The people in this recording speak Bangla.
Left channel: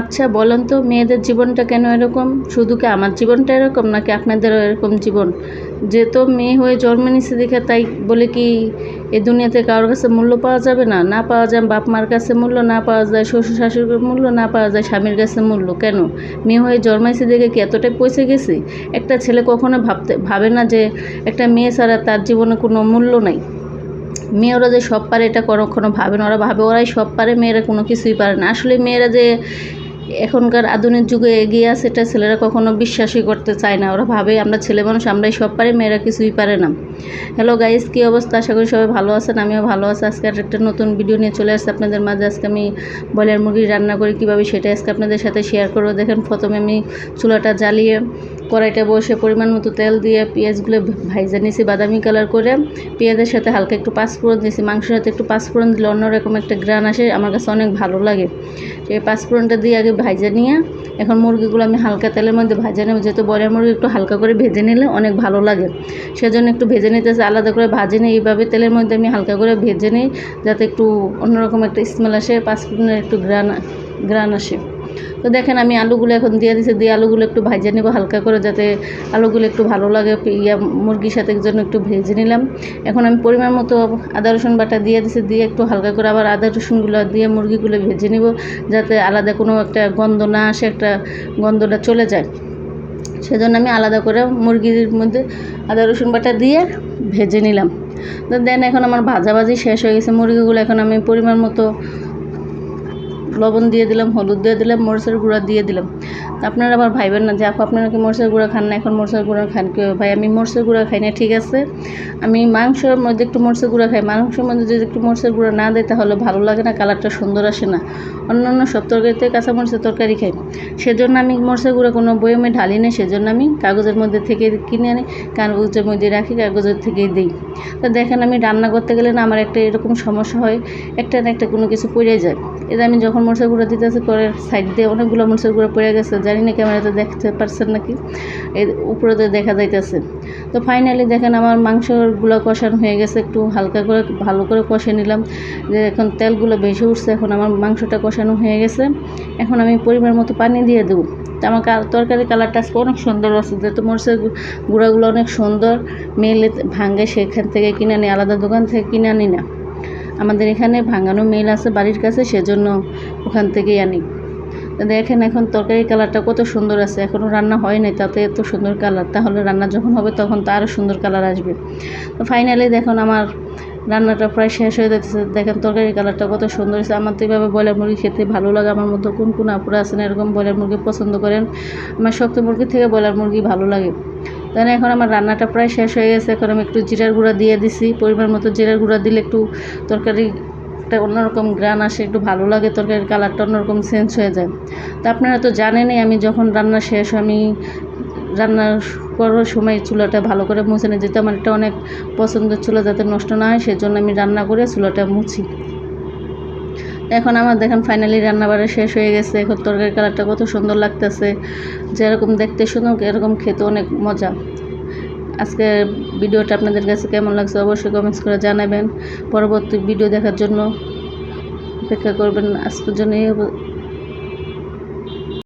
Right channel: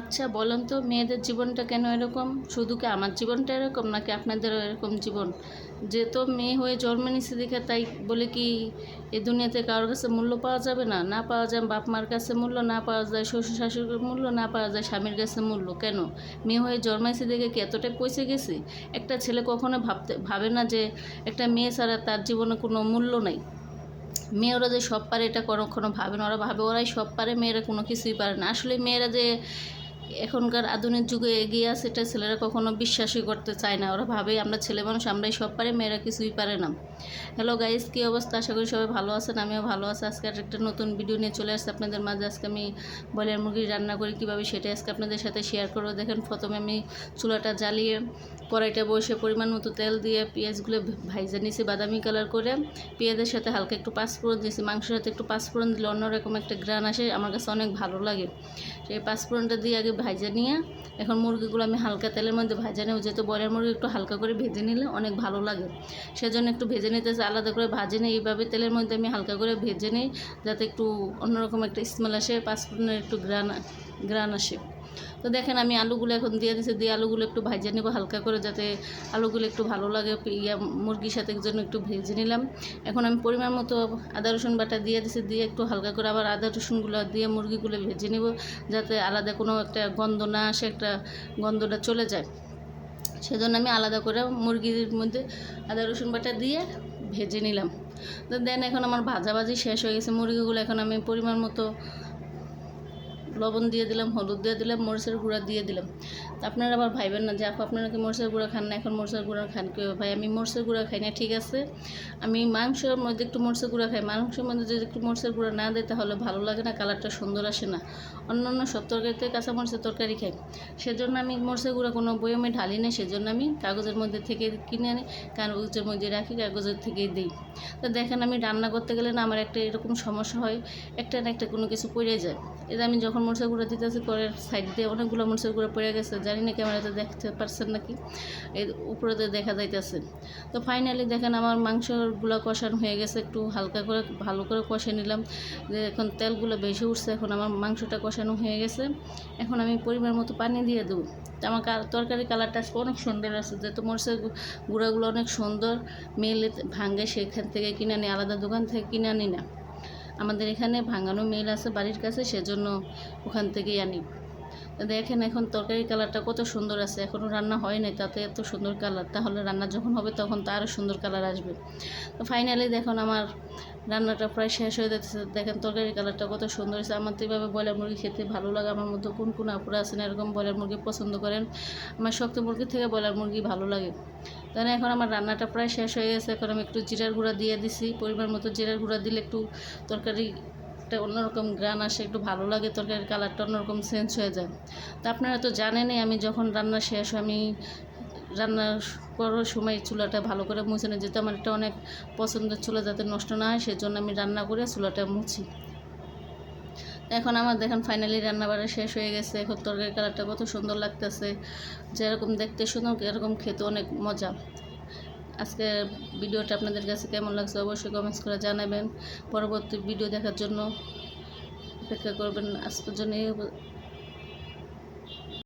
আচ্ছা বলেন তো মেয়েদের জীবনটা কেন এরকম? শুধু কি আমার জীবনটা এরকম নাকি আপনাদেরও এরকম জীবন? যে তো মেয়ে হয়ে জন্ম নিছে দেখে তাই বলে কি এ দুনিয়াতে কারোর কাছে মূল্য পাওয়া যাবে না? না পাওয়া যায় বাপ মার কাছে মূল্য, না পাওয়া যায় শ্বশুর শাশুড়ির মূল্য, না পাওয়া যায় স্বামীর কাছে মূল্য। কেন? মেয়ে হয়ে জন্মাইছে দেখে কি এতটাই পয়সা গেছি? একটা ছেলে কখনো ভাবে না যে একটা মেয়ে ছাড়া তার জীবনে কোনো মূল্য নাই। মেয়েরা যে সব পারে এটা কখনো ভাবে না, ওরা ভাবে ওরাই সব পারে, মেয়েরা কোনো কিছুই পারে না। আসলে মেয়েরা যে এখনকার আধুনিক যুগে এগিয়ে আছে এটা ছেলেরা কখনো বিশ্বাসই করতে চায় না। ওরা ভাবে আমরা ছেলে মানুষ, আমরাই সব পারি, মেয়েরা কিছুই পারে না। হ্যালো গাইস, কী অবস্থা? আশা করি সবাই ভালো আছেন, আমিও ভালো আছি। আজকে একটা নতুন ভিডিও নিয়ে চলে আসছে আপনাদের মাঝে। আজকে আমি ব্রয়লার মুরগি রান্না করি কীভাবে সেটা আজকে আপনাদের সাথে শেয়ার করবো। দেখেন, প্রথমে আমি চুলাটা জ্বালিয়ে কড়াইটা বসে পরিমাণ মতো তেল দিয়ে পেঁয়াজগুলো ভাইজা নিয়েছি বাদামি কালার করে। পেঁয়াজের সাথে হালকা একটু পাঁচফোড়ন দিয়েছি। মাংসের সাথে একটু পাঁচফোড়ন দিলে অন্যরকম একটা গ্রান আসে, আমার কাছে অনেক ভালো লাগে। সেই পাঁচফোড়নটা দিয়ে আগে ভাইজা নিয়ে এখন মুরগিগুলো আমি হালকা তেলের মধ্যে ভাজা নেব। যেহেতু ব্রয়লার মুরগি একটু হালকা করে ভেজে নিলে অনেক ভালো লাগে, সেজন্য একটু ভেজে নিতেছে। আলাদা করে ভাজি নিই, এইভাবে তেলের মধ্যে আমি হালকা করে ভেজে নিই যাতে একটু অন্যরকম একটা স্মেল আসে, পাঁচফোড়নের একটু গ্রান আসে। তো দেখেন আমি আলুগুলো এখন দিয়ে দিচ্ছি, দিয়ে আলুগুলো একটু ভাজে নেব হালকা করে, যাতে আলুগুলো একটু ভালো লাগে। মুরগির সাথে জন্য একটু ভেজে নিলাম। এখন আমি পরিমাণ মতো আদা রসুন বাটা দিয়ে দিচ্ছি, দিয়ে একটু হালকা করে আবার আদা রসুনগুলো দিয়ে মুরগিগুলো ভেজে নিব, যাতে আলাদা কোনো একটা গন্ধ না আসে, একটা গন্ধটা চলে যায়। সেজন্য আমি আলাদা করে মুরগির মধ্যে আদা রসুন বাটা দিয়ে ভেজে নিলাম। তো দেন এখন আমার ভাজাভাজি শেষ হয়ে গেছে মুরগিগুলো। এখন আমি পরিমাণ মতো লবণ দিয়ে দিলাম, হলুদ দিয়ে দিলাম, মরিচের গুঁড়া দিয়ে দিলাম। আপনারা আবার ভাইবেন না যে আপু আপনারা কি মরিচের গুঁড়া খান না, এখন মরিচের গুঁড়া খান কী? ভাই আমি মরিচের গুঁড়া খাই না, ঠিক আছে। আমি মাংসের মধ্যে একটু মরিচের গুঁড়া খাই। মাংসের মধ্যে যদি একটু মরিচের গুঁড়া না দেয় তাহলে ভালো লাগে না, কালারটা সুন্দর আসে না। অন্যান্য সব তরকারিতে কাঁচা মরিচের তরকারি খাই, সেজন্য আমি মরিচের গুঁড়া কোনো বয়মে ঢালি না। সেজন্য আমি কাগজের মধ্যে থেকে কিনে আনি, কাগজের মধ্যে রাখি, কাগজের থেকেই দিই। তো দেখেন আমি রান্না করতে গেলে না আমার একটা এরকম সমস্যা হয়, একটা না একটা কোনো কিছু পড়ে যায়। এতে আমি যখন মরিচের গুঁড়া দিতেছি করের সাইড দিয়ে অনেকগুলো মরিচের গুঁড়া পড়ে গেছে, জানি না ক্যামেরাতে দেখতে পারছেন নাকি, এর উপরেতে দেখা যাইতেছে। তো ফাইনালি দেখেন আমার মাংসগুলো কষানো হয়ে গেছে, একটু হালকা করে ভালো করে কষে নিলাম, যে এখন তেলগুলো ভেসে উঠছে। এখন আমার মাংসটা কষানো হয়ে গেছে, এখন আমি পরিমাণ মতো পানি দিয়ে দেবো। তো আমার তরকারির কালারটা আজকে অনেক সুন্দর আছে, যেহেতু মরিচের গুঁড়াগুলো অনেক সুন্দর মেলে ভাঙে, সেখান থেকে কিনে আনি, আলাদা দোকান থেকে কিনে আনি না। আমাদের এখানে ভাঙানো মিল আছে বাড়ির কাছে, সেজন্য ওখান থেকেই আনি। দেখেন এখন তরকারির কালারটা কত সুন্দর আছে, এখনও রান্না হয় নাই তাতে এত সুন্দর কালার, তাহলে রান্না যখন হবে তখন তো আরও সুন্দর কালার আসবে। তো ফাইনালি দেখুন আমার রান্নাটা প্রায় শেষ হয়ে যাচ্ছে। দেখেন তরকারির কালারটা কত সুন্দর হয়েছে। আমার তো এইভাবে ব্রয়লার মুরগি খেতে ভালো লাগে। আমার মতো কোন কোন আপুরা আছেন এরকম ব্রয়লার মুরগি পছন্দ করেন? আমার শক্ত মুরগি থেকে ব্রয়লার মুরগি ভালো লাগে। তাহলে এখন আমার রান্নাটা প্রায় শেষ হয়ে গেছে। এখন আমি একটু জিরার গুঁড়া দিয়ে দিছি, পরিমাণ মতো জিরার গুঁড়া দিলে একটু তরকারি একটা অন্যরকম গ্রান আসে, একটু ভালো লাগে, তরকারির কালারটা অন্যরকম চেঞ্জ হয়ে যায়। তো আপনারা তো জানেনই আমি যখন রান্না শেষ, আমি রান্না করার সময় চুলাটা ভালো করে মুছে নিই, যেহেতু আমার এটা অনেক পছন্দের চুলা, যাতে নষ্ট না হয় সেজন্য আমি রান্না করে চুলাটা মুছি। এখন আমার দেখেন ফাইনালি রান্নাবাড়া শেষ হয়ে গেছে। এখন তরকারির কালারটা কত সুন্দর লাগতেছে, যেরকম দেখতে সুন্দর এরকম খেতে অনেক মজা। আজকে ভিডিওটা আপনাদের কাছে কেমন লাগছে অবশ্যই কমেন্টস করে জানাবেন। পরবর্তী ভিডিও দেখার জন্য অপেক্ষা করবেন। আজকের জন্য